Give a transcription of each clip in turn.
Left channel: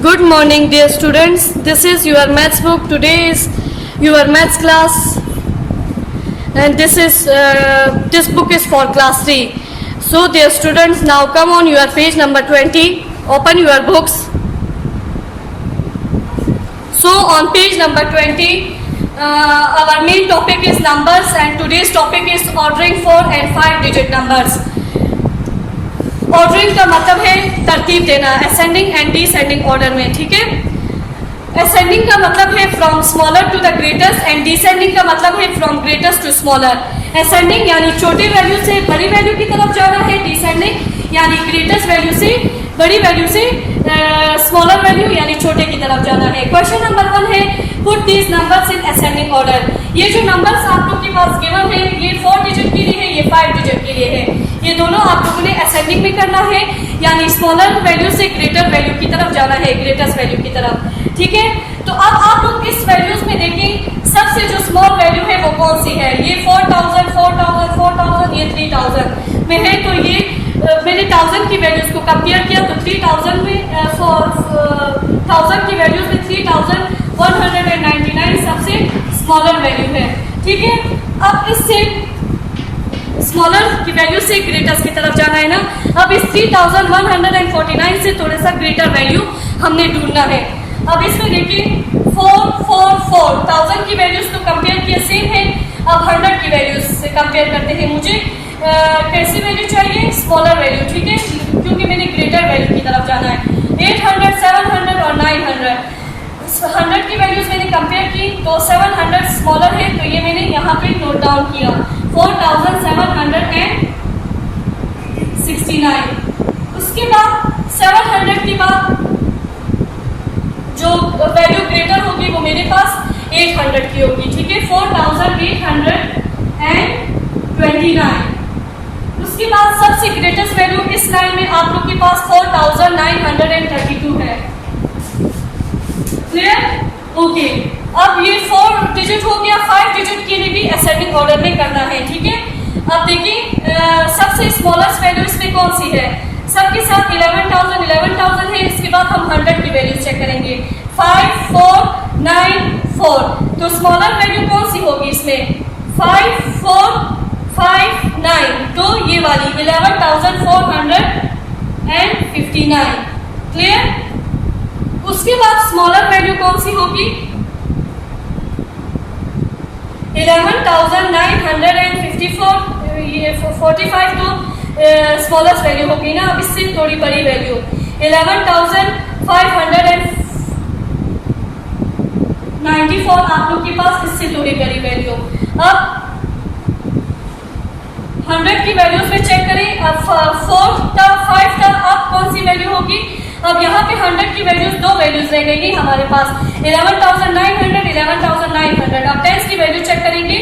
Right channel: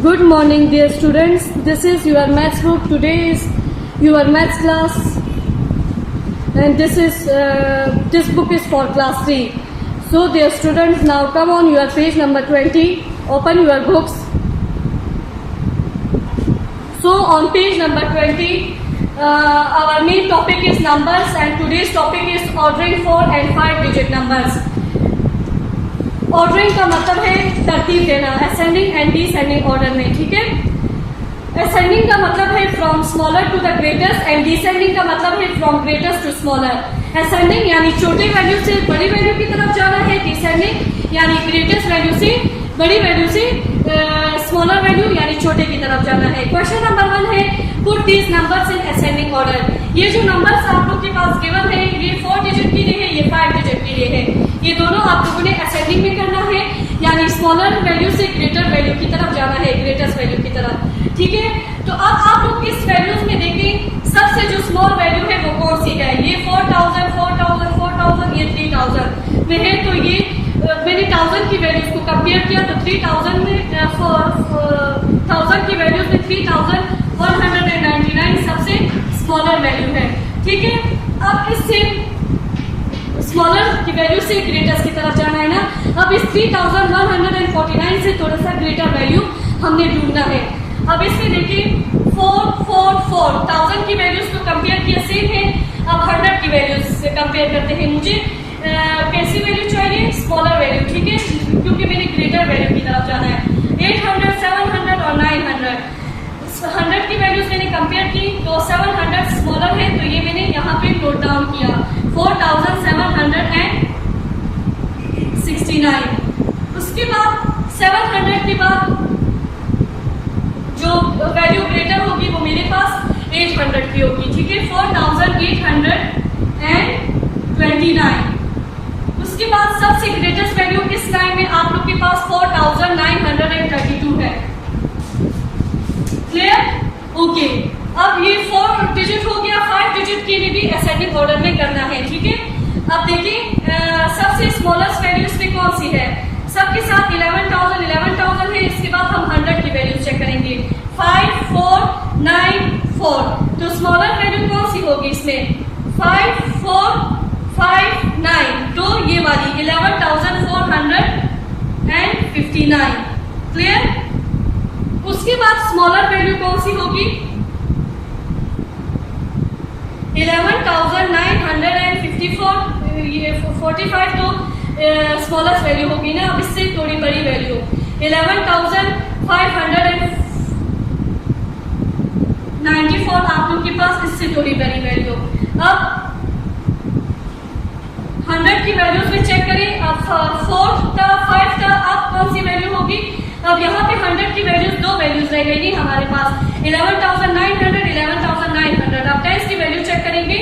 Good morning, dear students. This is your maths book. Today is your maths class, and this book is for class 3. So, dear students, now come on your page number 20. Open your books. So, on page number 20, our main topic is numbers, and today's topic is ordering 4 and 5-digit numbers. Ordering का मतलब है तरतीब देना, ascending and descending order में, ठीक है। Ascending का मतलब है from smaller to the greatest and descending का मतलब है from greatest to smaller. Ascending यानी छोटे वैल्यू से बड़ी वैल्यू की तरफ जाना है, डिसेंडिंग यानी ग्रेटेस्ट वैल्यू से बड़ी वैल्यू से स्मॉलर वैल्यू यानी छोटे की तरफ जाना है। क्वेश्चन नंबर 1 है, put these numbers in ascending order. ये जो नंबर्स आप लोग के पास गिवन है, ये 4 डिजिट के लिए है, ये 5 डिजिट के लिए है। ये दोनों आप लोगों ने असेंडिंग में करना है, यानी स्मॉलर वैल्यू से ग्रेटर वैल्यू की तरफ जाना है, ग्रेटेस्ट वैल्यू की तरफ, ठीक है। तो अब आप लोग इस वैल्यूज में देखें, सबसे जो स्मॉल वैल्यू है वो कौन सी है। ये 4000, 4000, 4000, ये 3000 में है। तो ये मैंने 1000 की वैल्यूज को कंपेयर किया, तो 3000 में 1000 की वैल्यूज में 3199 सबसे स्मॉलर वैल्यू है, ठीक है। अब इससे स्मॉलर की वैल्यू से ग्रेटेस्ट की तरफ जाना है ना। अब इस 3149 से थोड़ा सा ग्रेटर वैल्यू हमने ढूंढना है। अब इसमें देखिए 4 4 4 1000 की वैल्यूज तो कंपेयर किए, सेम है। अब 100 की वैल्यूज से कंपेयर करते हैं। मुझे कैसी वैल्यू चाहिए, स्मॉलर वैल्यू, ठीक है, क्योंकि मैंने ग्रेटर वैल्यू की तरफ जाना है। 800, 700 और 900, 100 की वैल्यूज मैंने कंपेयर की, तो 700 स्मॉलर है, तो ये मैंने यहाँ पे नोट डाउन किया, 4769। उसके बाद 700 के बाद जो वैल्यू ग्रेटर होगी वो मेरे पास 800 की होगी, ठीक है, 4829। उसके बाद सबसे ग्रेटेस्ट वैल्यू इस लाइन में आप लोग के पास 4932 है। क्लियर? ओके। अब ये 4 डिजिट हो गया, 5 डिजिट के लिए भी असेंडिंग ऑर्डर में करना है, ठीक है। अब देखिए सबसे स्मॉलेस्ट वैल्यू इसमें कौन सी है, सबके साथ 11,000 है। इसके बाद हम 100 की वैल्यू चेक करेंगे, 5494। तो स्मॉलर वैल्यू कौन सी होगी इसमें, 5459, तो ये वाली 11,459। क्लियर? उसके बाद स्मॉलर वैल्यू कौन सी होगी, 11,954, ये 45 तो स्मॉलेस्ट वैल्यू होगी ना। अब इससे थोड़ी बड़ी वैल्यू 11,594 आप लोग के पास, इससे थोड़ी बड़ी वैल्यू। अब 100 की वैल्यूज में चेक करें। अब 4 था, 5 था, अब कौन सी वैल्यू होगी। अब यहाँ पे 100 की वैल्यूज, दो वैल्यूज रह गई हमारे पास, 11,900, 11,900। अब 10 की वैल्यू चेक करेंगे,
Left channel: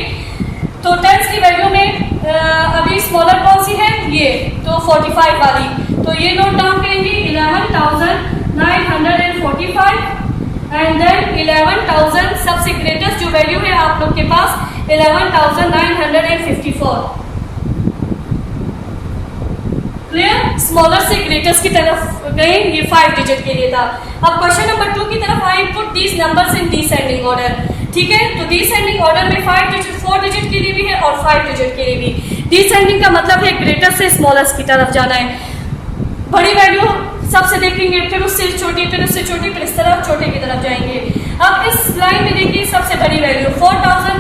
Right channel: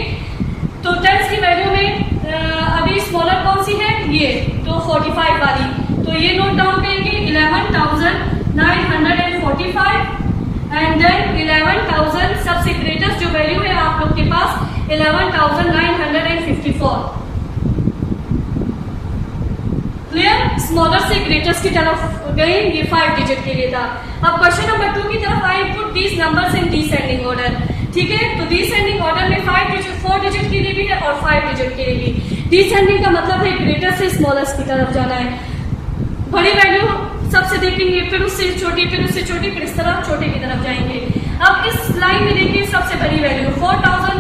तो 10 की वैल्यू में अभी स्मॉलर कौन सी है, ये तो 45 वाली, तो ये नोट डाउन करेंगे, 11,945 एंड देन 11,000 सबसे ग्रेटेस्ट जो वैल्यू है आप लोग के पास 11,954। क्लियर? स्मॉलर से ग्रेटेस्ट की तरफ गए, ये 5 डिजिट के लिए था। अब क्वेश्चन नंबर 2 की तरफ आए, put these numbers in descending order, ठीक है। तो डिसेंडिंग ऑर्डर में 5 डिजिट, 4 डिजिट के लिए भी है और 5 डिजिट के लिए भी। डिसेंडिंग का मतलब है ग्रेटर से स्मॉलेस्ट की तरफ जाना है। बड़ी वैल्यू सबसे देखेंगे, फिर उससे छोटी, फिर उससे छोटी, फिर इस तरफ छोटे की तरफ जाएंगे। अब इस लाइन में देखिए सबसे बड़ी वैल्यू 4000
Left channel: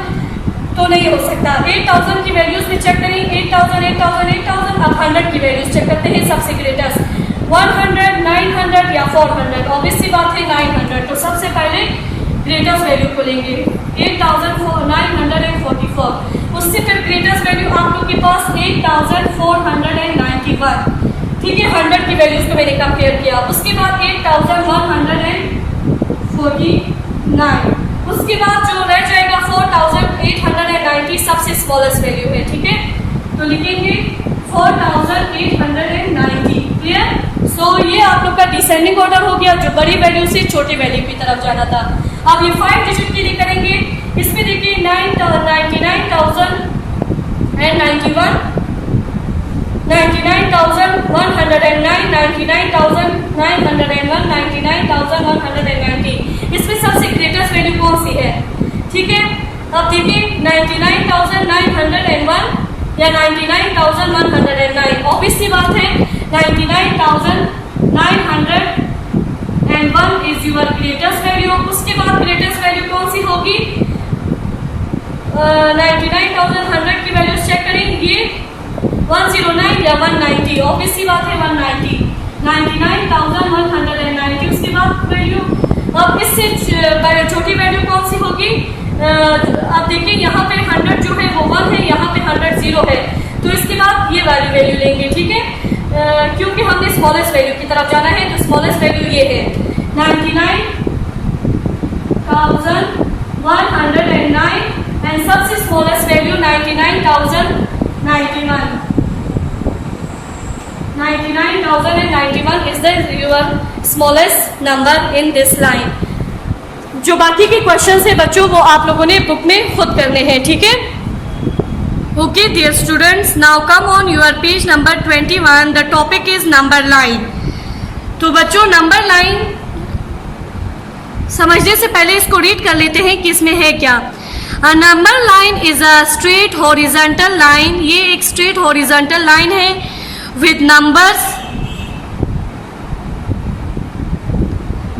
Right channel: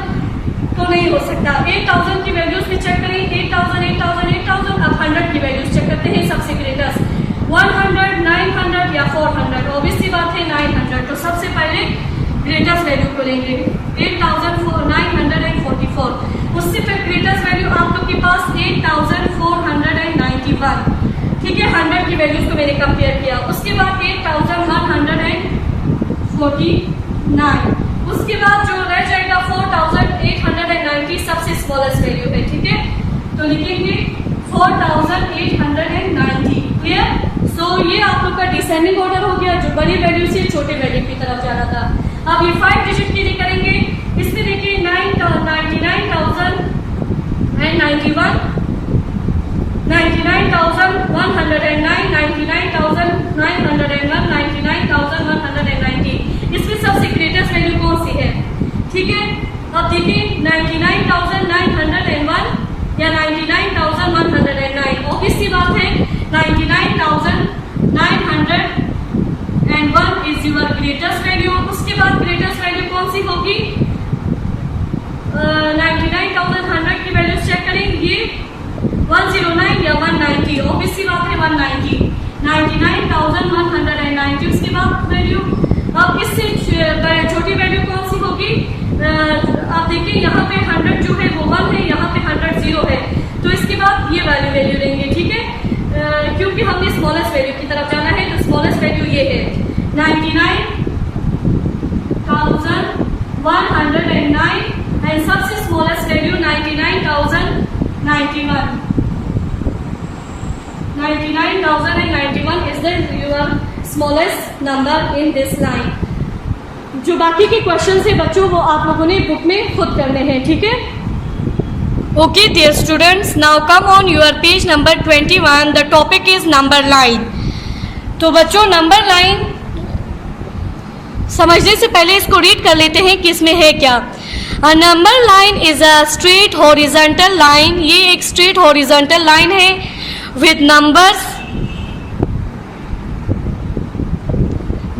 तो नहीं हो सकता। 8000 की वैल्यूज में चेक करें, 8000, 8000, 8000। अब 100 की वैल्यूज चेक करते हैं, सबसे ग्रेटेस्ट 100, 900 या 400। ऑब्वियस सी बात है 900, तो सबसे पहले ग्रेटेस्ट वैल्यू खोलेंगे 8,944। उससे फिर ग्रेटेस्ट वैल्यू आप लोग के पास 8,491, ठीक है। 100 की वैल्यूज को मैंने कंपेयर किया। उसके बाद 8,149। उसके बाद जो रह जाएगा 4,890 सबसे स्मॉलेस्ट वैल्यू है, ठीक है। तो लिखेंगे 4,890। क्लियर? सो ये आप लोग का डिसेंडिंग ऑर्डर हो गया, जो बड़ी वैल्यू से छोटी वैल्यू की तरफ जाना था। अब ये 5 डिजिट के लिए करेंगे। इसमें देखिए 99,091, 99,109, 99,901, 99,190। इसमें सबसे ग्रेटेस्ट वैल्यू कौन सी है? ठीक है, अब देखिए 99,901 या 99,109। ऑब्वियस सी बात है 99,901 इज योर ग्रेटेस्ट वैल्यू। उसके बाद ग्रेटेस्ट वैल्यू कौन सी होगी? 99,100 की वैल्यू चेक करेंगे, 109 या 190। ऑब्वियस सी बात है 190, 99,190। उसके बाद वैल्यू, अब इससे छोटी वैल्यू कौन सी होगी? आप देखिए यहाँ पे 100 जो है वो 1 है, यहाँ पे 100 0 है, तो इसके बाद ये वैल्यू लेंगे। ठीक है, क्योंकि हमने स्मॉलेस्ट वैल्यू की तरफ जाना है, तो स्मॉलेस्ट वैल्यू ये है 99,109 एंड सबसे smallest value 99,091। 99,091 is the your smallest number in this line। जो बाकी के क्वेश्चंस है बच्चों वो आप लोगों ने बुक में खुद करने हैं। ठीक है, okay dear students, now come on your page number 21। The topic is number line. तो बच्चों नंबर लाइन समझने से पहले इसको रीड कर लेते हैं कि इसमें है क्या। A number line is a straight horizontal line। ये एक straight horizontal line है with numbers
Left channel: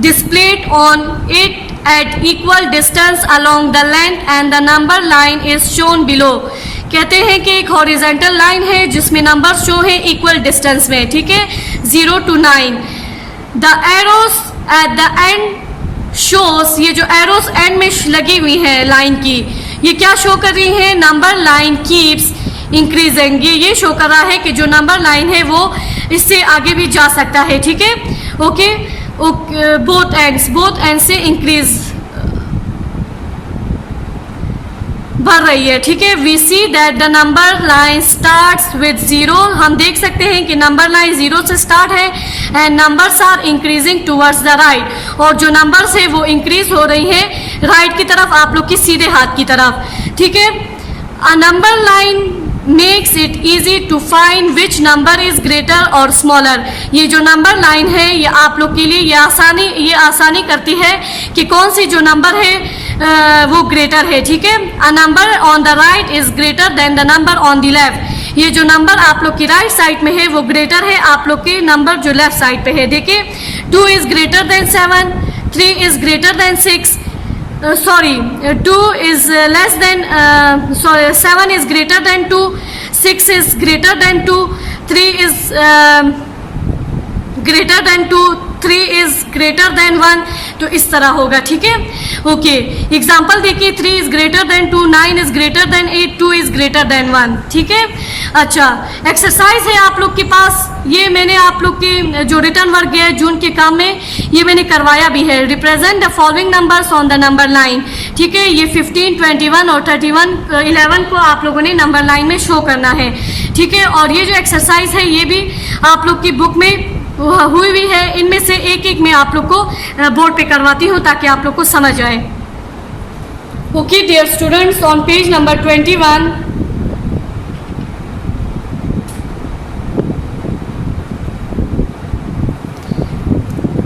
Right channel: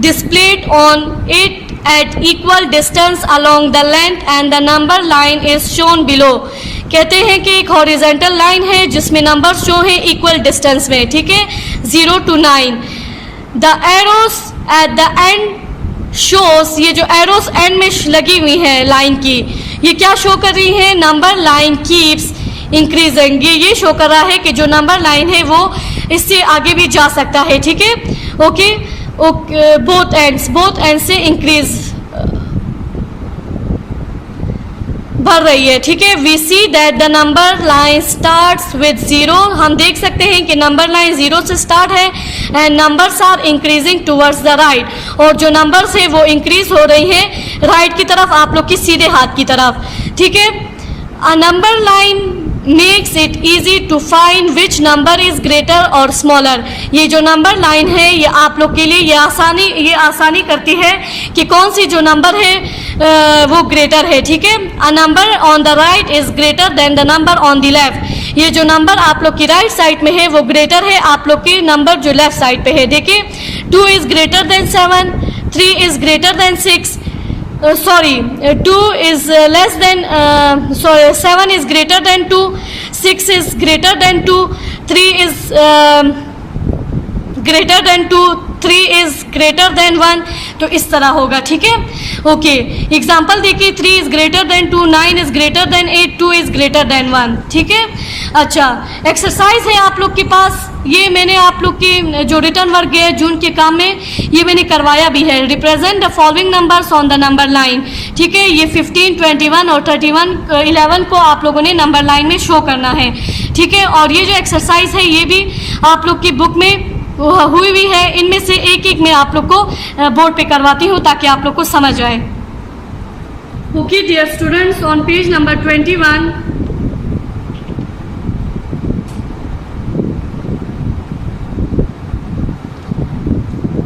displayed on it at equal distance along the length and the number line is shown below। कहते हैं कि एक हॉरिजेंटल लाइन है जिसमें numbers जो है इक्वल डिस्टेंस में। ठीक है, 0 to 9। The arrows at the end shows, ये जो एरोस एंड में लगी हुई है लाइन की, ये क्या शो कर रही है? Number line keeps increasing. ये शो कर रहा है कि जो नंबर लाइन है वो इससे आगे भी जा सकता है। ठीक है, ओके, बोथ एंड से इंक्रीज बढ़ रही है। ठीक है, we see that the number line starts with 0। हम देख सकते हैं कि नंबर लाइन 0 से स्टार्ट है and numbers are increasing towards the right, और जो नंबर्स है वो इंक्रीज हो रही है राइट की तरफ, आप लोग की सीधे हाथ की तरफ। ठीक है, a number line makes it easy to find which number is greater और स्मॉलर। ये जो नंबर लाइन है ये आप लोग के लिए ये आसानी करती है कि कौन सी जो नंबर है वो ग्रेटर है। ठीक है, a number on the right is greater than the number on the left. ये जो नंबर आप लोग की राइट साइड में है वो ग्रेटर है आप लोग के नंबर जो लेफ्ट साइड पे है। देखिए 2 is greater than 7, 3 is greater than 6, 2 is less than 7 is greater than 2, 6 is greater than 2, 3 is greater than 2, 3 is greater than 1। तो इस तरह होगा। ठीक है, ओके, एग्जाम्पल देखिए 3 is greater than 2, 9 is greater than 8, 2 is greater than 1। ठीक है, अच्छा एक्सरसाइज है आप लोग के पास, ये मैंने आप लोग के जो रिटर्न वर्क है जून के काम में ये मैंने करवाया भी है। Represent the following numbers on the number line. ठीक है, ये 15, 21 और 11 को आप लोगों ने नंबर लाइन में शो करना है। ठीक है, और ये जो एक्सरसाइज है ये भी आप लोग की बुक में हुई भी है। इनमें से एक मैं आप लोग को बोर्ड पे करवाती हूँ ताकि आप लोग को समझ आए। Okay dear students, on page number 21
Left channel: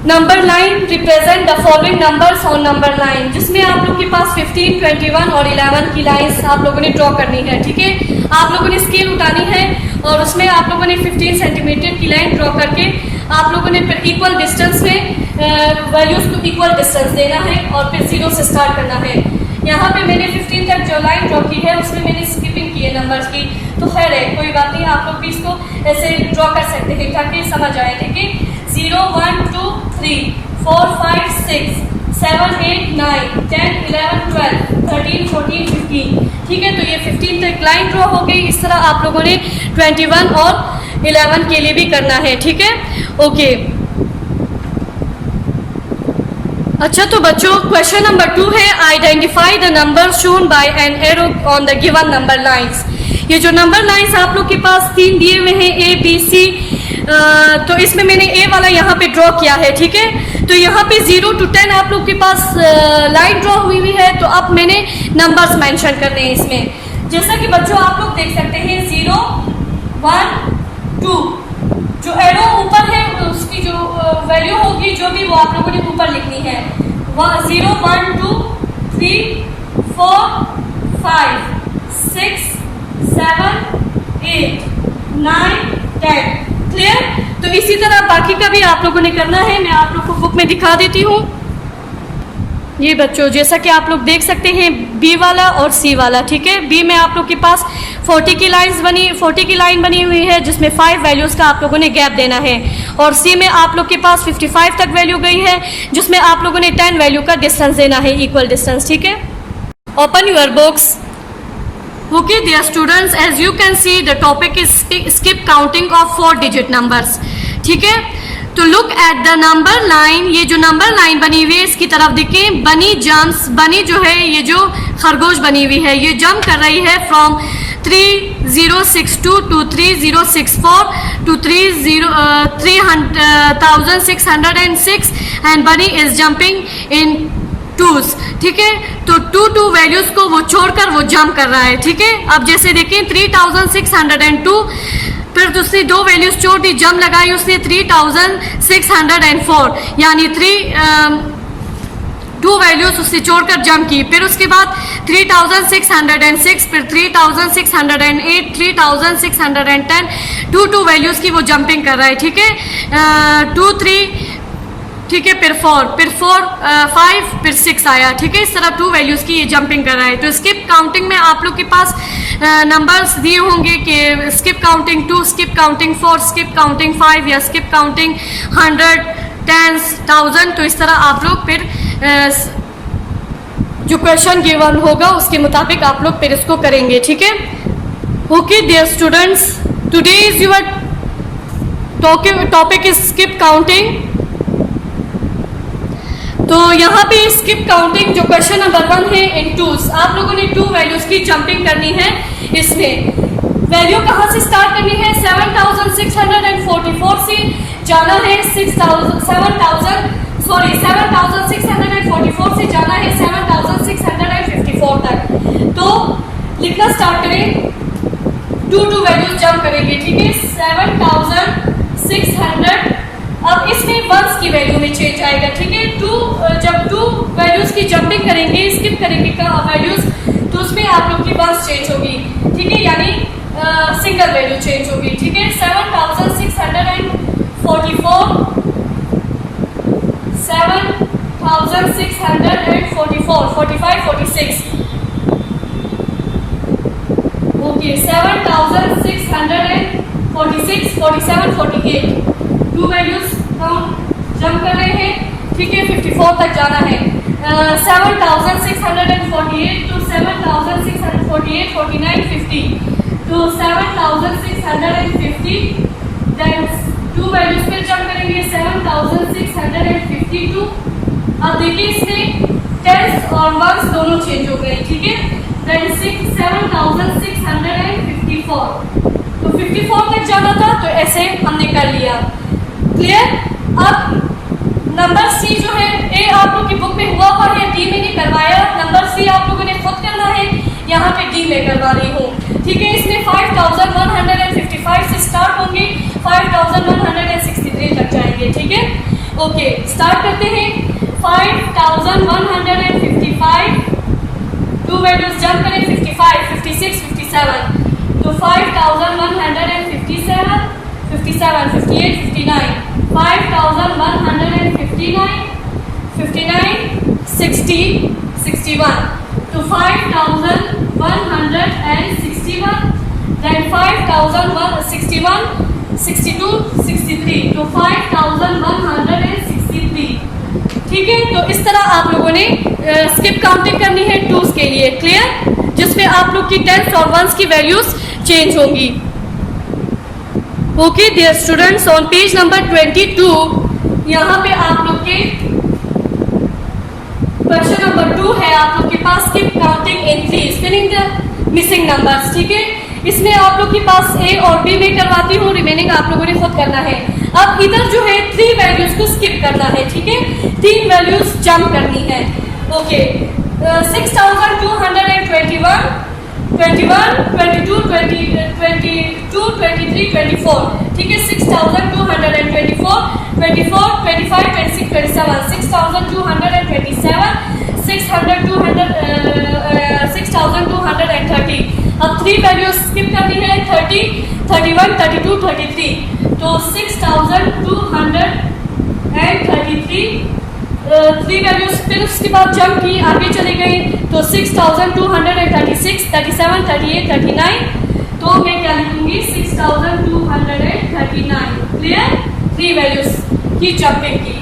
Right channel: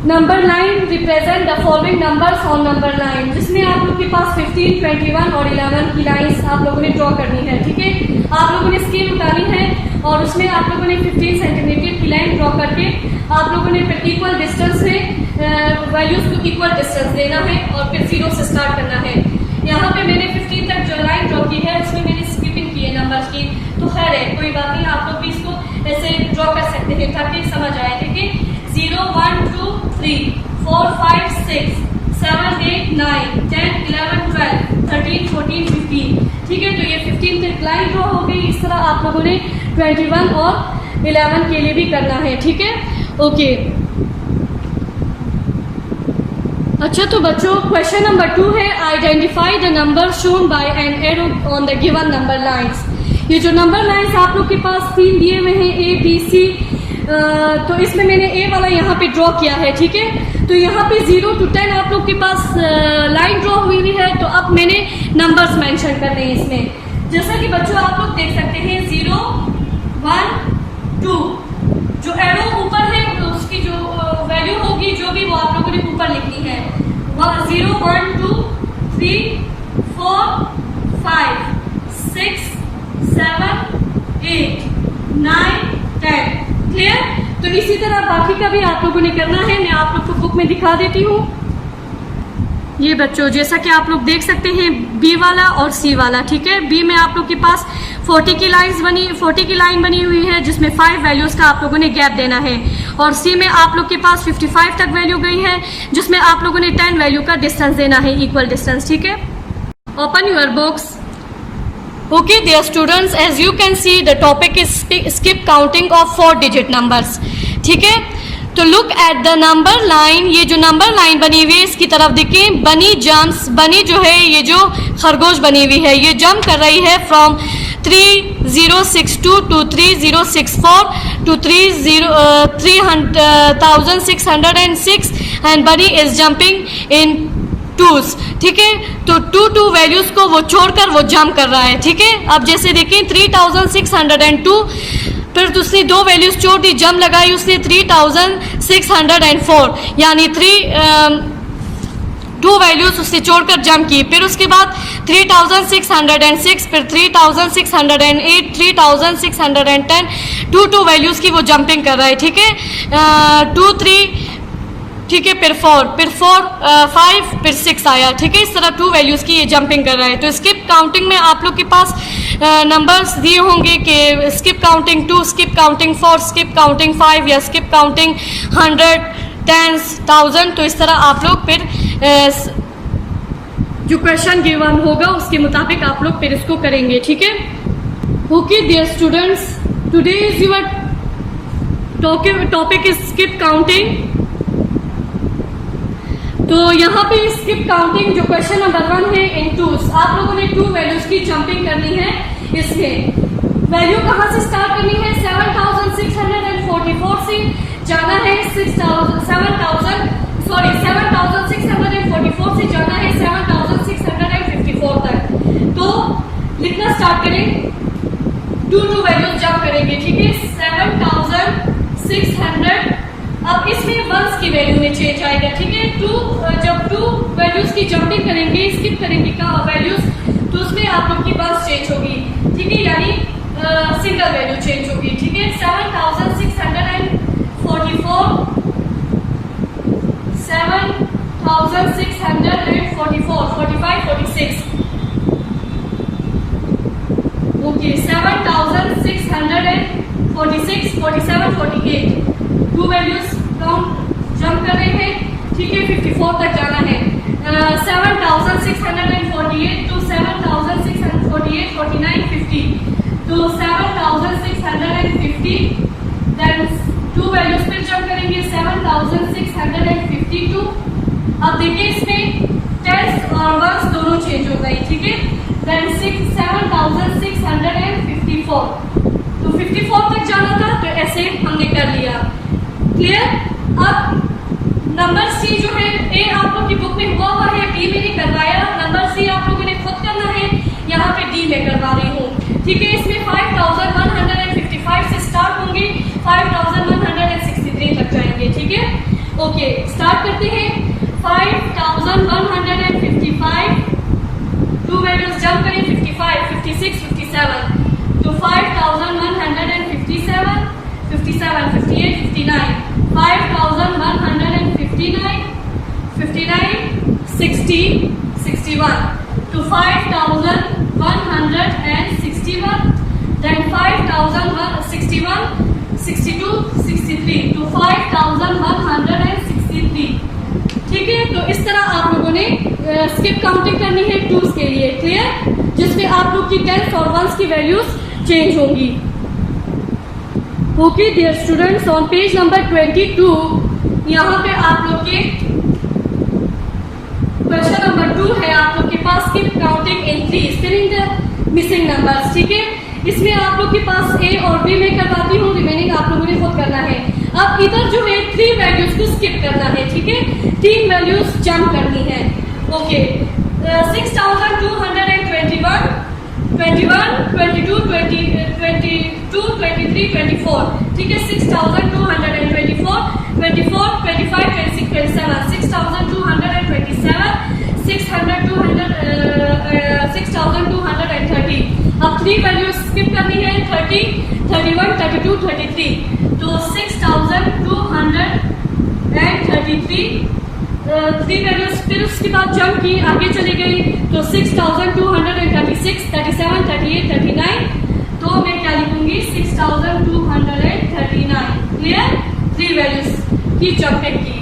number line represent the following numbers on number line, जिसमें आप लोग के पास 15, 21 और 11 की लाइंस आप लोगों ने ड्रॉ करनी है। ठीक है, आप लोगों ने स्केल उठानी है और उसमें आप लोगों ने 15 सेंटीमीटर की लाइन ड्रॉ करके आप लोगों ने फिर इक्वल डिस्टेंस में वैल्यूज को इक्वल डिस्टेंस देना है और फिर 0 से स्टार्ट करना है। यहाँ पे मैंने 15 तक जो लाइन ड्रॉ की है उसमें मैंने स्किपिंग की है नंबर्स की, तो खैर है कोई बात नहीं, आप लोग भी इसको ऐसे ड्रॉ कर सकते हैं ताकि समझ आए। ठीक है, 0, 1, 2, 3, 4, 5, 6, 7, 8, 9, 10, 11, 12, 13, 14, 15। ठीक है, तो ये 15 तक लाइन ड्रॉ हो गई। इस तरह आप लोगों ने 21 और 11 के लिए भी करना है। ठीक है, ओके, अच्छा तो बच्चों क्वेश्चन नंबर 2 है identify the number shown by an arrow on the given number lines. ये जो नंबर लाइंस आप लोग के पास 3 दिए हुए हैं A, B, C, तो इसमें मैंने ए वाला यहाँ पे ड्रॉ किया है। ठीक है, तो यहाँ पे 0 to 10 आप लोग के पास लाइन ड्रॉ हुई है, तो अब मैंने नंबर्स मेंशन करने हैं इसमें। जैसा कि बच्चों आप लोग देख सकते हैं 0, 1, 2। जो एरो ऊपर है उसकी जो वैल्यू होगी जो भी वो आप लोगों ने ऊपर लिखनी है। 0 1 2 3 4 5 6 7 8 9 10। क्लियर? तो इसी तरह बाकी का भी आप लोगों ने करना है। मैं आप लोग को बुक में दिखा देती हूँ। ये बच्चों जैसा कि आप लोग देख सकते हैं बी वाला और सी वाला, ठीक है। बी में आप लोग के पास 40 की लाइन बनी हुई है जिसमें 5 वैल्यूज़ का आप लोगों ने गैप देना है, और सी में आप लोग के पास 55 तक वैल्यू गई है जिसमें आप लोगों ने 10 वैल्यू का डिस्टेंस देना है, इक्वल डिस्टेंस, ठीक है। Open your books. Okay dear students, as you can see the topic is skip counting of 4 digit numbers, ठीक है। तो look at the number line, ये जो नंबर लाइन बनी हुई है इसकी तरफ देखें। बनी जम्प्स, बनी जो है ये जो खरगोश बनी हुई है ये जंप कर रही है from 3062 to 3064 to 3606 and bunny is jumping in twos, ठीक है। तो 2 वैल्यूज को वो छोड़कर वो जंप कर रहा है, ठीक है। अब जैसे देखें 3602, फिर दूसरी 2 वैल्यूज छोड़ दी, जंप लगाई उसने 3604, यानी 2 वैल्यूज उससे छोड़कर जंप की। फिर उसके बाद 3606, फिर 3608, 3610, 2 वैल्यूज की वो जंपिंग कर रहा है, ठीक है। 2 3, ठीक है, फिर 4, फिर 4 5, फिर 6 आया, ठीक है। इस तरह 2 वैल्यूज की ये जंपिंग कर रहा है। तो स्किप काउंटिंग में आप लोग के पास नंबर्स दिए होंगे कि skip counting 2, skip counting 4, skip counting 5 या स्किप काउंटिंग 100, 10, 1000। तो इस तरह आप लोग फिर जो क्वेश्चन गिवन होगा उसके मुताबिक आप लोग फिर इसको करेंगे, ठीक है। Okay dear students, today is your topic is skip counting. तो यहाँ पे स्किप काउंटिंग जो क्वेश्चन नंबर 1 है इन टूज, आप लोगों ने 2 वैल्यूज की जंपिंग करनी है। इसमें वैल्यू कहाँ से स्टार्ट करनी है? 7644 से जाना है 7644 से जाना है 7654 तक। तो लिखना स्टार्ट करें, 2 वैल्यूज जंप करेंगे, ठीक है। 7600, अब इसमें वंस की वैल्यू में चेंज आएगा, ठीक है। जब 2 वैल्यूज की जंपिंग करेंगे, स्किप करेंगे का वैल्यूज, तो उसमें आप लोग की वंस चेंज होगी, ठीक है, यानी सिंगल वैल्यू चेंज होगी, ठीक है। 7644, 7644, 45 46, ओके। 7646, 47 48, 2 वैल्यूज काउंट जंप कर रहे हैं, ठीक है। 54 तक जाना है। 7648 to 7648, 49 50, तो 7650, देन 2 वैल्यूज फिर जंप करेंगे 7652। अब देखिए इसमें 10 और 1 दोनों चेंज हो गए, ठीक है। देन 7654, तो 54 तक जाना था, तो ऐसे हमने कर लिया, क्लियर। अब नंबर सी जो है, ए आप लोग की बुक में हुआ है, डी में नहीं करवाया। नंबर सी आप लोगों ने खुद करना है, यहाँ पे डी में करवा रही हूँ, ठीक है। इसमें 5155 से स्टार्ट होंगे, 5163 तक जाएंगे, ठीक है। ओके, स्टार्ट करते हैं। 5155, 2 वैल्यूज जंप करें, 55 56 57, तो 5157, 57 58 59, 5159, 59 60 61, तो 5161, then 5161 62 63, तो 5163, ठीक है। तो इस तरह आप लोगों ने स्किप काउंटिंग करनी है 2s के लिए, क्लियर, जिसमें आप लोग की 10 और 1s की वैल्यूज चेंज होंगी। Okay dear students, on page number 22 यहाँ पे आप लोग के क्वेश्चन नंबर 2 है आप लोग के पास, skip counting in 3, filling the missing numbers, ठीक है। इसमें आप लोग के पास ए और बी में करवाती हूँ, रिमेनिंग आप लोगों ने खुद करना है। अब इधर जो है 3 वैल्यूज को स्किप करना है, ठीक है, 3 वैल्यूज जंप करनी है, ओके। 6221, 21 22 22 23 23, 24, ठीक है 6224, 24, 25, 26, 27, 6227, 6230। अब 3 वैल्यूज स्किप करनी है, 30, 31, 32, 33, तो 6233 3 वैल्यूज, फिर उसके बाद जंप की आगे चले गए तो 6236, 37, 38, 39, तो मैं क्या लिखूंगी 6239। क्लियर? 3 वैल्यूज की जंपिंग की।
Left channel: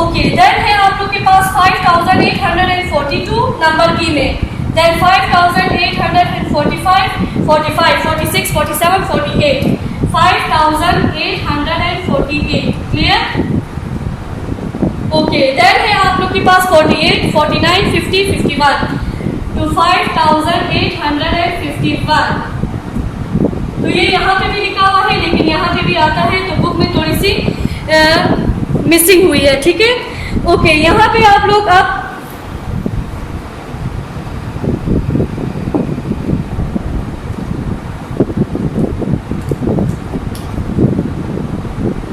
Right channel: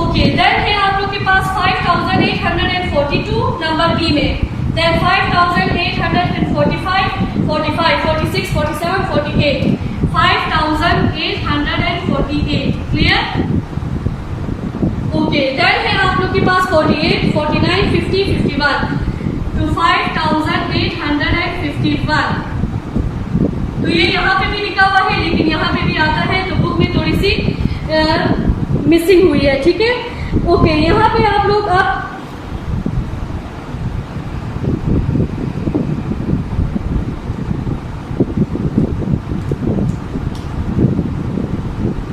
ओके, देन है आप लोग के पास 5842 नंबर की में, देन 5845, 45, 46, 47, 48, 5848। क्लियर? ओके, देन है आप लोग के पास 48, 49, 50, 51, तो 5851। तो ये यहाँ पे भी लिखा हुआ है, लेकिन यहाँ पे भी आता है, तो बुक में थोड़ी सी मिसिंग हुई है, ठीक है। ओके, यहाँ पे आप लोग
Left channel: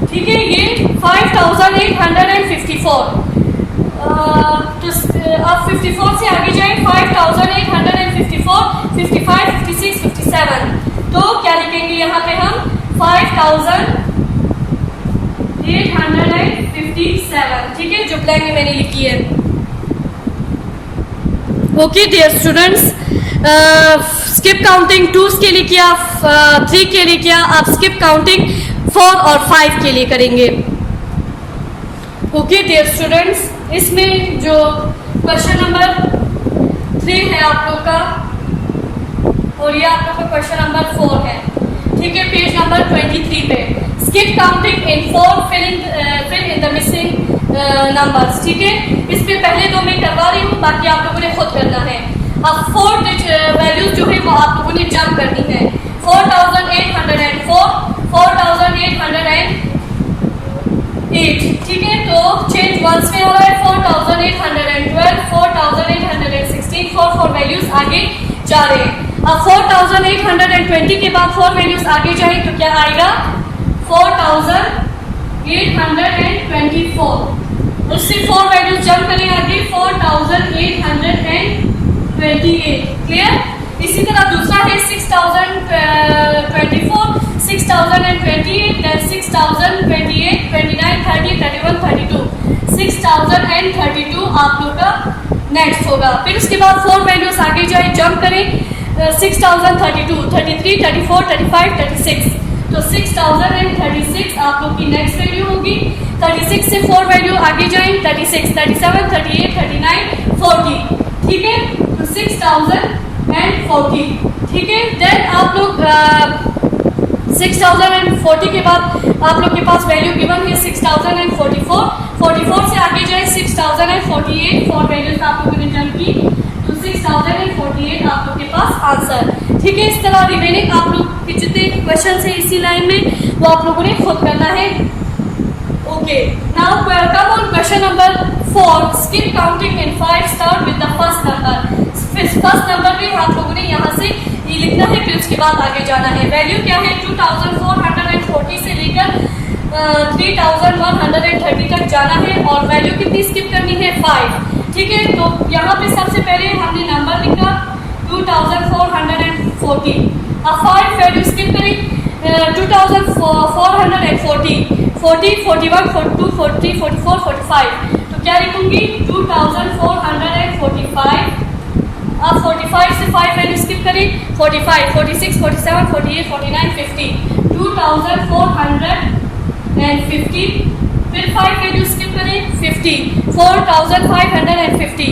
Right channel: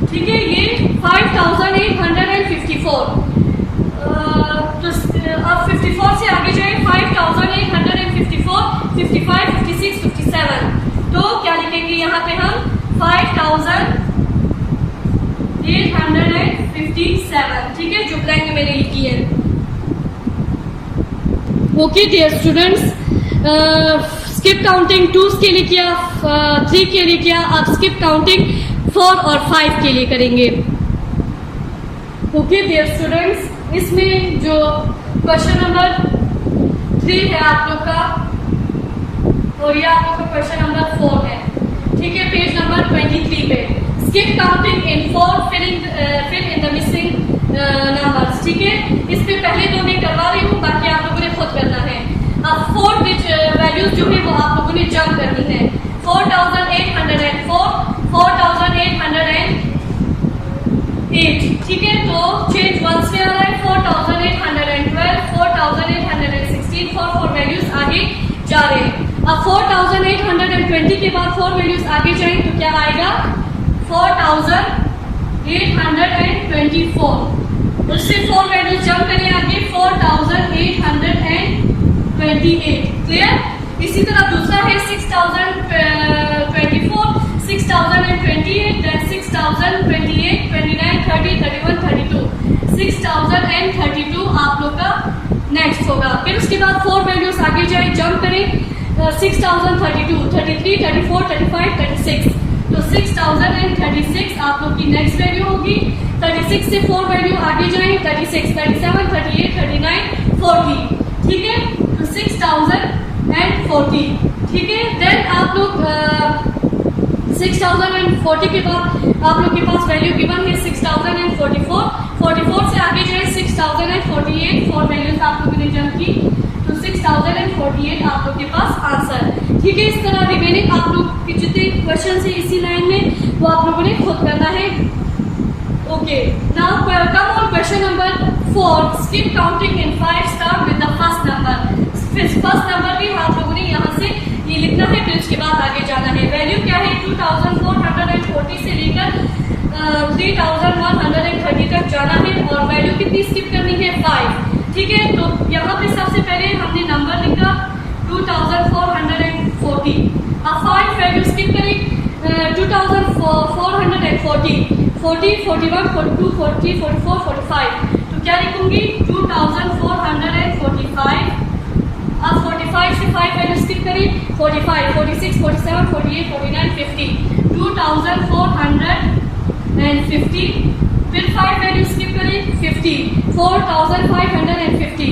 ठीक है, ये 5854। तो अब 54 से आगे जाए, 5854, 55, 56, 57, तो क्या लिखेंगे यहाँ पे हम 5857, ठीक है, जो ब्लैंक में मैंने लिखी है। Okay dear students, skip counting 2 के लिए किया, 3 के लिए किया, आप स्किप काउंटिंग 4 और 5 के लिए करेंगे। ओके डियर स्टूडेंट्स, इसमें जो क्वेश्चन नंबर 3 है आप लोग का, और ये आप लोग का क्वेश्चन नंबर 4 है, ठीक है, पेज नंबर 23 पे। Skip counting in 4, fill in the missing numbers, ठीक है। इस पे पहले तो मैं करवा रही हूँ, बाकी आप लोगों ने खुद करना है। अब 4 वैल्यूज जो है वो आप लोगों ने जंप करनी है। 4804, 4808, ठीक है, तो चेंज वंस में आ रहा है, 4812, 4816, 4 वैल्यूज आगे जा रहे हैं। अब 4820 के बाद 4 वैल्यूज आगे जाए तो क्या आएगा 4824। उससे 4 वैल्यूज जंप करें आगे, 4828। क्लियर? इसी तरह दूसरा है 6024, 6028, then 6028, 29, 30, 31, 32, 6032 आप लोग का नेक्स्ट होगा। फिर उसके बाद 4 वैल्यूज आगे जाए, जंप करें, 6032, 33, 34, 35, 36, तो 6036 आप लोग की नेक्स्ट वैल्यू होगी। 36 से 4 वैल्यू आगे जाए, 36, 37, 38, 39, 40, ठीक है, तो 6040, ठीक है। देन आप लोग 6040 के बाद आप लोग के पास वैल्यू गिवन है 6044, 44 से आगे जाए 6048, 4 वैल्यूज आप लोगों ने जंप की, तो 6048 आप लोग के पास आंसर, ठीक है। इस तरह रिमेनिंग आप लोग के जितने क्वेश्चन है इसी लाइन में, वो आप लोगों ने खुद करना है। Okay, now come on question number 4, skip counting in 5, start with the first number. First number भी आप लोगों ने यहाँ से ये लिखना है, फिर उसके बाद आगे जाना है। वैल्यू क्या है 2440 से लेकर 3130 तक जाना है, और वैल्यू कितनी स्किप करनी है 5, ठीक है। तो यहाँ पे सबसे पहले हमने नंबर लिखा 2440, अब 5 वैल्यू स्किप करें, 2440, 40, 41, 42, 43, 44, 45, तो क्या लिखूंगी 2445। अब 45 से 5 वैल्यू स्किप करें, 45, 46, 47, 48, 49, 50, 2450, फिर 5 वैल्यू स्किप करें, 50, 4550,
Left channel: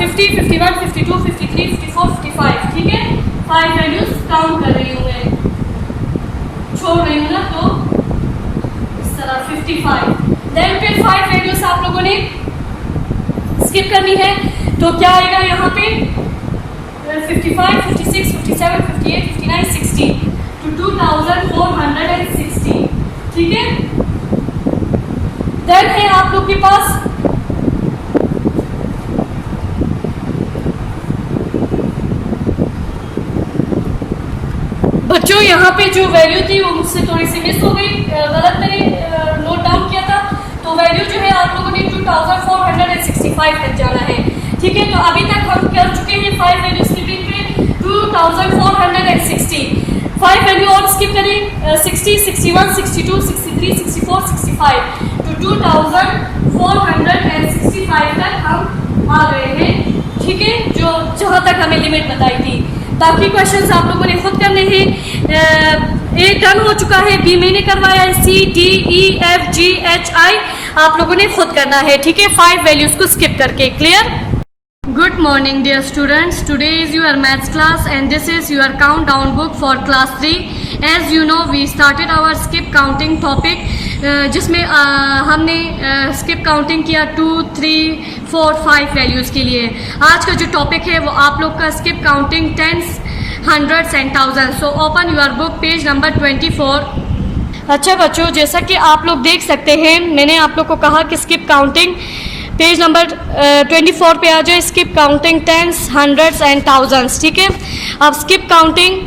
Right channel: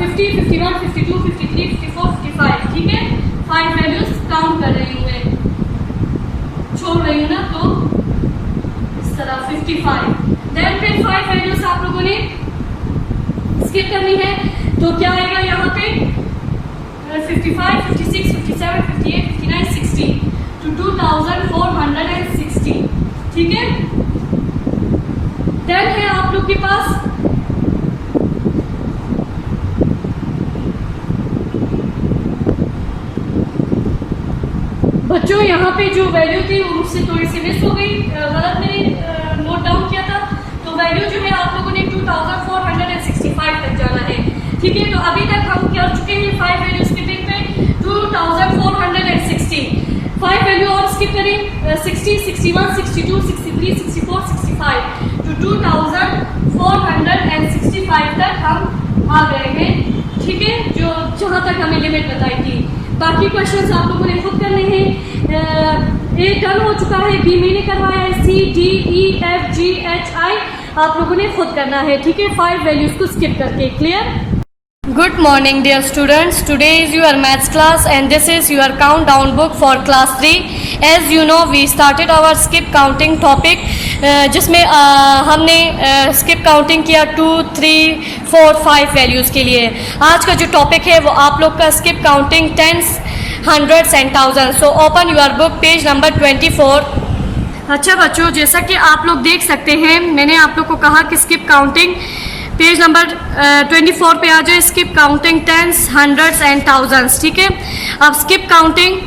50, 51, 52, 53, 54, 55, ठीक है। 5 वैल्यूज काउंट कर रही हूँ मैं, छोड़ रही हूँ ना, तो इस तरह 55। देन फिर 5 वैल्यूज आप लोगों ने स्किप करनी है, तो क्या आएगा यहाँ पे 55, 56, 57, 58, 59, 60, तो 2460, ठीक है। देन है आप लोग के पास बच्चों यहाँ पे जो वैल्यू थी वो मुझसे थोड़ी सी मिस हो गई, गलत मैंने नोट डाउन किया था। तो वैल्यू जो है आप लोगों ने 2465 तक जाना है, ठीक है। तो अभी तक हम कर चुके हैं 5 वैल्यू स्किपिंग पे 2460। 5 वैल्यू और स्किप करें, 60, 61, 62, 63, 64, 65, तो 2465 तक हम आ गए हैं, ठीक है, जो जहाँ तक हमें लिमिट बताई थी। बाकी क्वेश्चंस आप लोगों ने खुद करने हैं। ए डन हो चुका है, बी मैंने करवाया है, C D E F G H I आप लोगों ने खुद करना है, ठीक है, 5 वैल्यूज को स्किप करके। Clear? Good morning dear students, today is your maths class and this is your countdown book for class 3. As you know we started our skip counting topic जिसमें हमने skip counting किया 2, 3, 4, 5 values के लिए। आज का जो topic है वो आप लोग का skip counting tens, hundreds and thousands. So open your book page number 24. अच्छा बच्चों, जैसा कि आप लोग देख सकते हैं मैंने आप लोग को कहा कि skip counting पेज नंबर 24 पे आ जाए, skip counting tens, hundreds and thousands, ठीक है। अब skip counting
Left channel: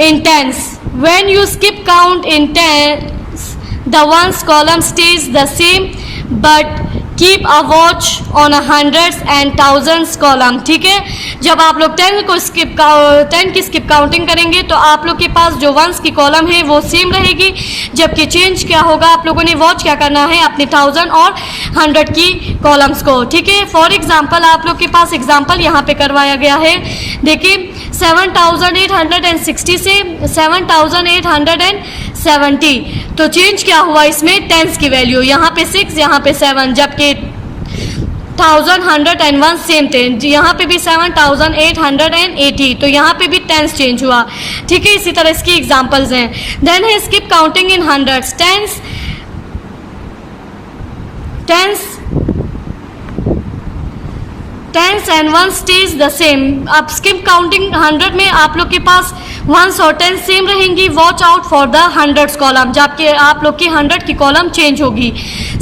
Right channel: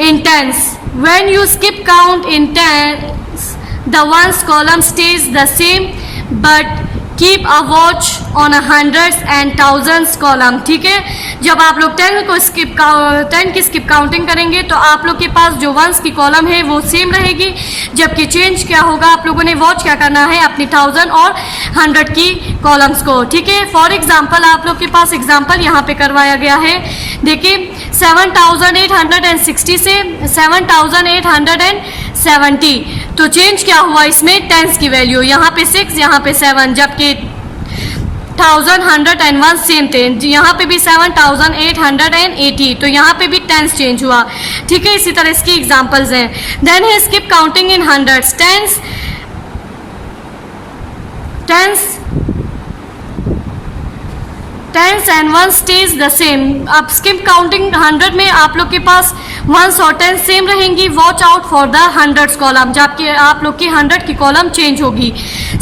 in tens, when you skip count in tens the ones column stays the same but keep a watch on a hundreds and thousands column, ठीक है। जब आप लोग 10 की skip counting करेंगे तो आप लोग के पास जो वंस की कॉलम है वो सेम रहेगी, जबकि चेंज क्या होगा, आप लोगों ने वॉच क्या करना है अपनी 1000 और 100 की कॉलम्स को, ठीक है। फॉर एग्जांपल आप लोग के पास एग्जांपल यहाँ पे करवाया गया है, देखिए 7860 से 7870, तो चेंज क्या हुआ इसमें, टेंस की वैल्यू, यहाँ पे 6 यहाँ पे 7, जबकि 1101 सेम थे, यहाँ पे भी 7880, तो यहाँ पे भी टेंस चेंज हुआ, ठीक है। इसी तरह इसकी एग्जांपल्स हैं। देन है skip counting in hundreds, tens and one stays the same. अब स्किप काउंटिंग 100 में आप लोग के पास वंस और टेंस सेम रहेंगी, watch out for the hundreds column, जबकि आप लोग की 100 की कॉलम चेंज होगी।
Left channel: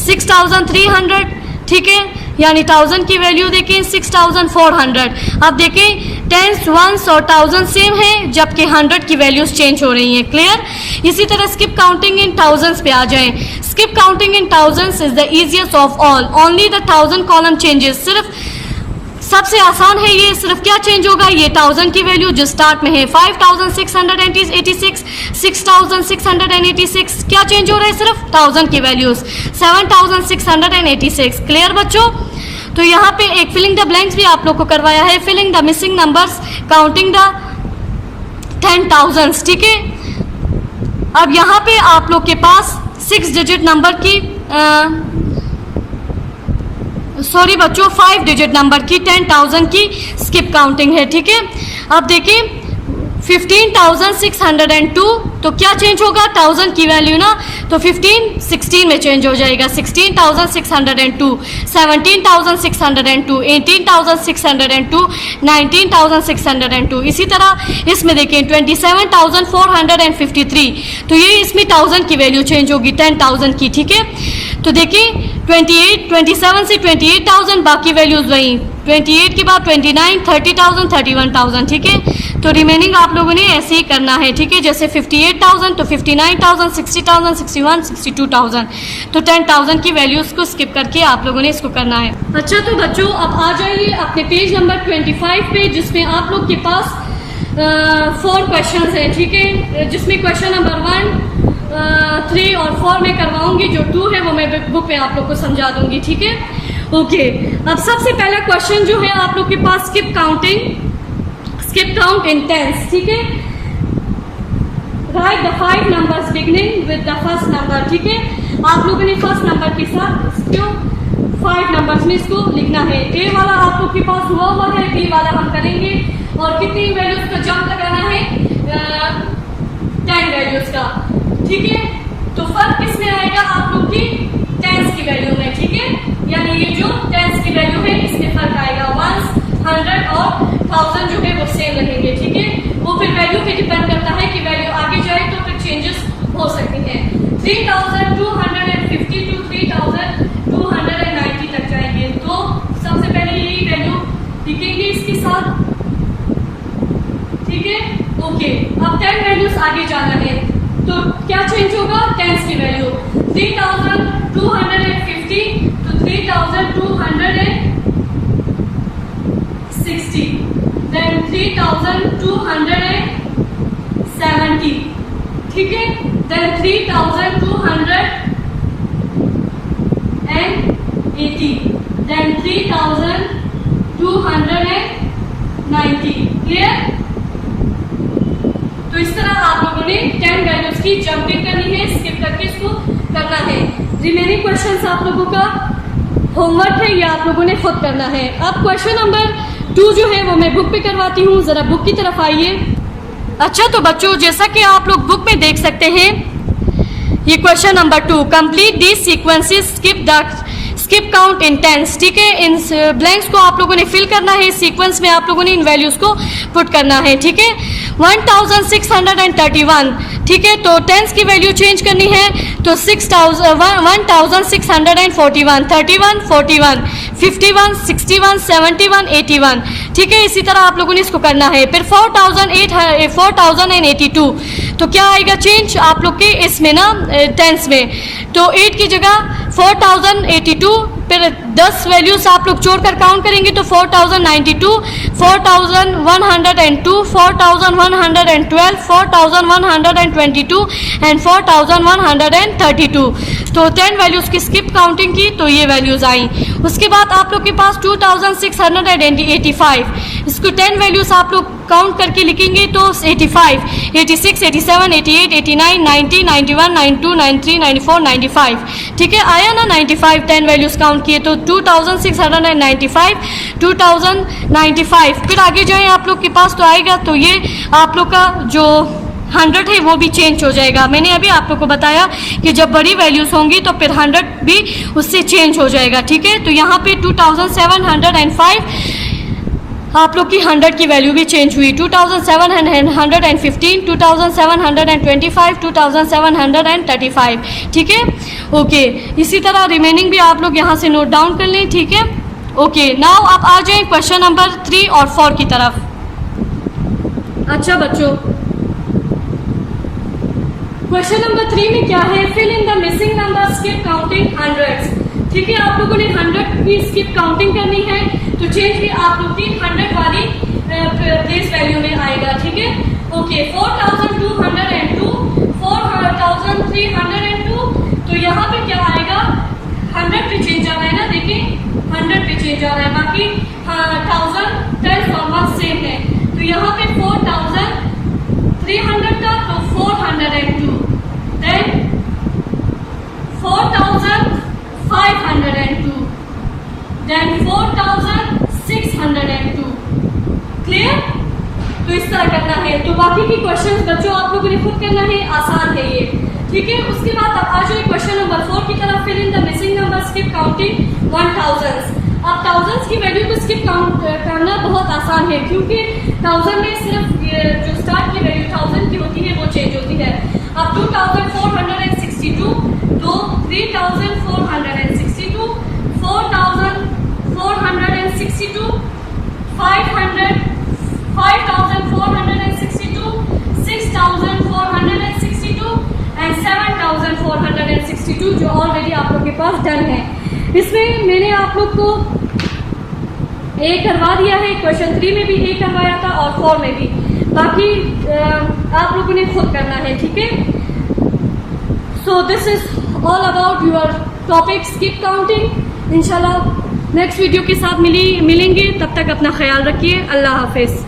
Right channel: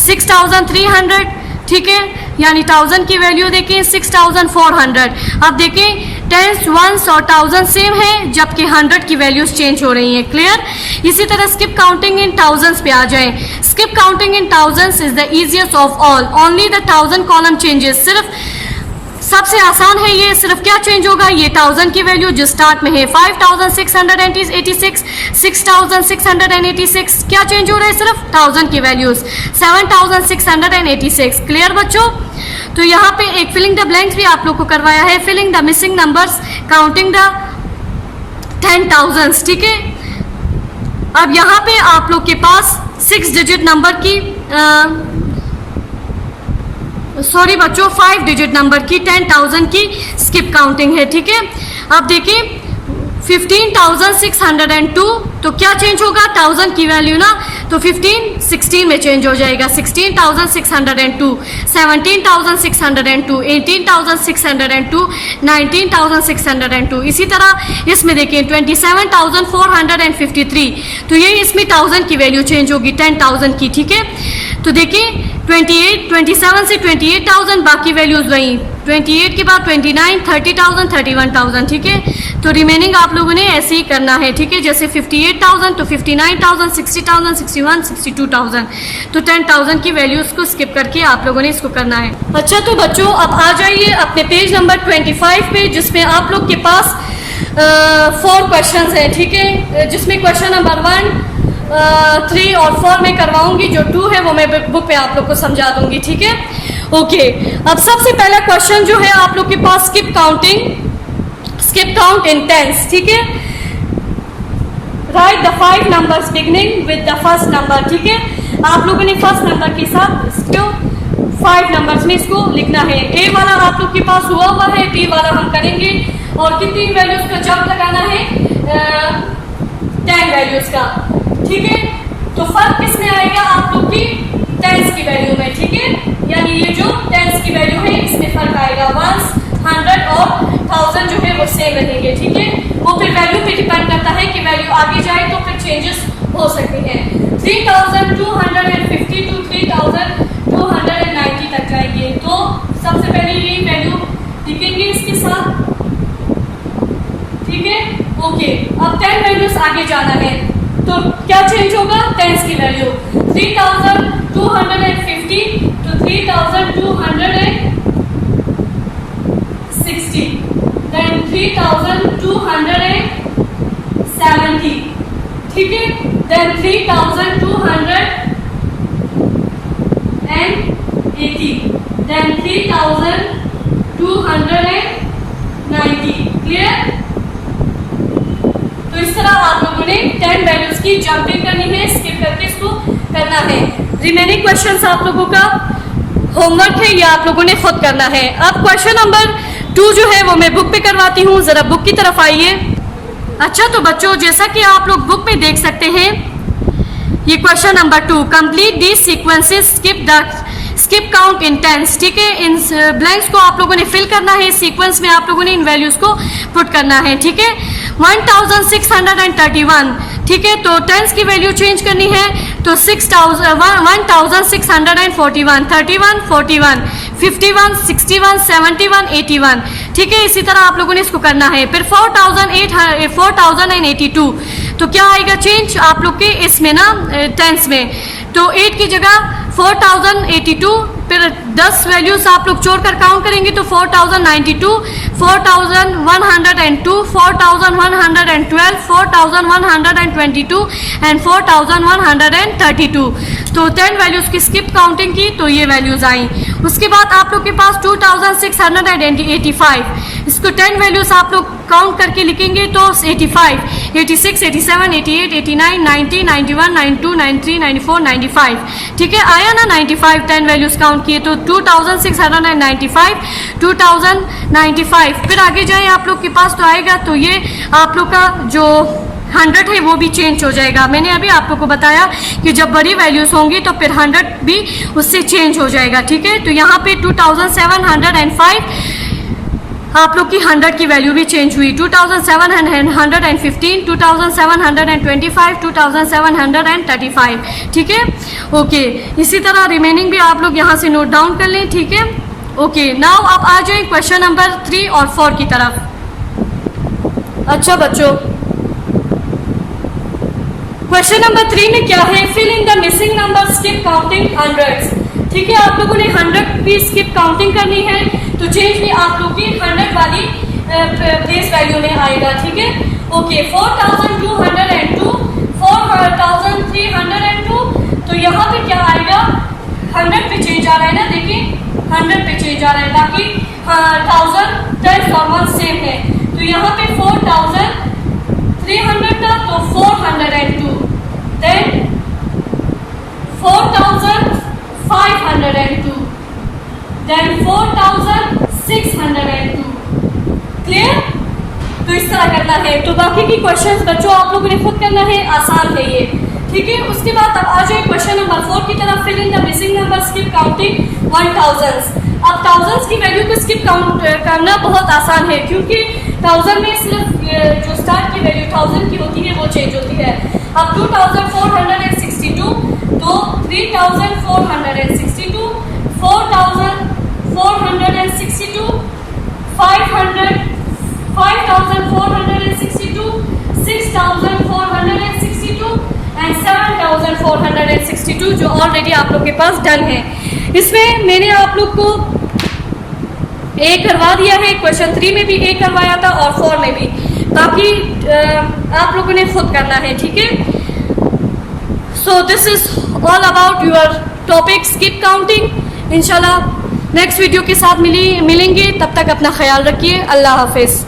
6300, ठीक है, यानी 1000 की वैल्यू देखें 6400। अब देखें टेंस, वंस और 1000 सेम है, जबकि 100 की वैल्यूज चेंज हो रही हैं। क्लियर? इसी तरह स्किप काउंटिंग इन थाउजेंड्स पे आ जाएं। Skip counting in thousands is the easiest of all, only the 1000 column changes. सिर्फ सबसे आसान है ये, सिर्फ क्या चेंज होगा, ये 1000 की वैल्यू जो स्टार्ट में है 5686, 6686, क्या चेंज हो रहा है, सिर्फ 1000 की वैल्यूज 7686। क्लियर बच्चों? तो यहाँ पे एक फिलिंग द ब्लैंक्स भी आप लोग को करवाया है, filling the missing numbers, counting the 10,000, ठीक है। अब यहाँ पे आप लोग के पास 6 डिजिट नंबर की 5 डिजिट नंबर की 10,000 की स्किप काउंटिंग है, ठीक है। अब देखिए 15,602, तो क्या चेंज होगा, 1000 की वैल्यू ना, तो 15 16 में चेंज हो जाएगा, 16,602, 17,602, 18,602, 19,602। इसी तरह इसमें देखिए 27,453, तो ये इसमें 1000 की वैल्यू चेंज होगी 10,000 की, ठीक है। तो देखिए 27 से 28,000, बाकी वैल्यूज वही, 28 के बाद 29, 30,000, 31,000, ठीक है। तो रिमेनिंग आप लोगों ने ऐसे ही करना है, ठीक है। जैसे 58,000 तो 59,000, 60,000, 61, 62,000, तो 10,000 की वैल्यूज को स्किप करके आप लोगों ने इसको करना है। अच्छा तो बच्चों अब आ जाइए अपने पेज नंबर 25 पे, जिसमें आप लोग के पास 4 क्वेश्चन हैं, ठीक है, जिसमें क्वेश्चन नंबर 1, 3 और 4 में करवाऊंगी, जो 2 है वो मैं बुक पे आप लोग को समझा दूंगी, ठीक है। ओके, अब सबसे पहला क्वेश्चन जो है आप लोग के पास स्किप काउंट इन टेंस, ठीक है। Right the 5 numbers beginning with the first number, ठीक है। आप लोगों ने फर्स्ट नंबर के साथ इसको 5 नंबर्स में इसको लिखना है। ए वाला आप लोग के पास हुआ है, बी वाला हम करेंगे, और कितनी वैल्यूज का जंप लगाना है, 10 वैल्यूज का, ठीक है। तो फर्क किसमें आएगा, आप लोग की टेंस की वैल्यू में, ठीक है, यानी ये जो टेंस की वैल्यू है इसमें फर्क आएगा, 100 और 1000 जो है वो सेम रहेंगे, ठीक है। वो फिर वैल्यू पे डिपेंड करता है कि वैल्यू आगे जाए तो फिर चेंजेस हो सकते हैं। 3250 टू 3290 तक जाएंगे, तो सबसे पहले ये वैल्यू लिखेंगे इसके साथ, ठीक ओके, अब 10 वैल्यूज आगे जाना है तो क्या चेंज होगा? टेंस की वैल्यू 3250 तो 3260, देन 3270, ठीक है, देन 3280, देन 3290। क्लियर? तो इस तरह आप लोगों ने 10 वैल्यूज की जंपिंग करनी है, स्किप करके इसको करना है। रिमेनिंग क्वेश्चंस आप लोगों का होमवर्क है, या आप लोगों ने खुद करना है। अब क्वेश्चन नंबर 2 जो है वो मैं बुक पे करवाती हूँ, जरा बुक की तरफ आइए। अच्छा, तो बच्चों जैसा कि आप लोग बुक में देख सकते हैं, ये question number 2, complete this sequences, skip count in tens. ठीक है, इन ब्लैंक्स को आप लोगों ने फिल करना है, सीक्वेंस में आप लोगों ने इन वैल्यूज को पुट करना है। ठीक है, 1631, ठीक है, तो टेंस की वैल्यू चेंज करनी है तो 1641, 31, 41, 51, 61, 71, 81। ठीक है, इसी तरह आप लोगों ने इसको करना है। फिर 4082, तो क्या आएगा चेंज आप लोग के इसमें ना टेंस में, तो 8 की जगह 4082, फिर 10 वैल्यूज आप लोग जोड़कर काउंट करेंगे तो 4092, 4102, 4112, 4122 एंड 4132। तो 10 वैल्यूज की स्किप काउंटिंग की तो ये वैल्यूज आई। उसके बाद आप लोग के पास 2685, इसको 10 वैल्यूज आप लोग काउंट करके लिखेंगे तो 85, 86, 87, 88, 89, 90, 91, 92, 93, 94, 95। ठीक है, आया ना 95 10 वैल्यूज काउंट किए तो 2695, 2095। फिर आगे जाएं आप लोग के पास तो आएगा, तो ये आप लोग का जो 100 है वो भी चेंज हो जाएगा। मैंने अभी आप लोग को बताया कि जब बड़ी वैल्यूज होंगी तो फिर 100 भी उससे चेंज हो जाएगा। ठीक है, तो यहाँ पे 2705 आप लोग की 100 की वैल्यू भी चेंज हुई, 2715, 2725, 2735। ठीक है, ओके, इसी तरह रिमेनिंग भी आप लोग यहाँ से नोट डाउन कर लें। ठीक है, ओके, नाउ आप आ जाएं क्वेश्चन नंबर 3 और 4 की तरफ। अच्छा बच्चों, क्वेश्चन नंबर 3 में क्या है? Fill in the missing number, skip counting hundreds. ठीक है, आप लोगों ने 100 भी स्किप काउंटिंग करनी है तो चेंज भी आप लोग की 100 वाली प्लेस वैल्यू में आएगा। ठीक है, ओके, 4202, 4302, तो यहाँ पे क्या आएगा? 100 पे चेंज आ रहा है ना, देखिए 100 पे चेंज आ रहा है, बाकी 1000 10 और 1 सेम है। तो यहाँ पे 4300 था तो 402, देन 4502, देन 4602। क्लियर? तो इस तरह करना है। तो बाकी की क्वेश्चंस बच्चों आप लोगों ने खुद करना है, आसान है ये। ठीक है, उसके बाद अब आ जाए क्वेश्चन नंबर 4 की तरफ। Fill in the missing number, skip counting 1000। अब 1000 की वैल्यू को स्किप काउंट करना बहुत आसान है, क्योंकि 1000 में सिर्फ जो स्टार्ट की वैल्यू 1000 की होती है वो चेंज होती है। अब 2462, तो 3462, 4462, 5462, 6462 एंड 7462, जो ऑलरेडी आप लोग के पास डन है। इसमें मैंने आप लोग को ए करवा दिया है, क्वेश्चन 3 में भी ए करवाया था और 4 में भी, बाकी आप लोगों ने खुद करना है। ठीक है, so this is all about your topic skip counting. इंशाल्लाह नेक्स्ट वीडियो के साथ मिलेंगे, तब तक अपना ख्याल रखिए। अल्लाह हाफिज़।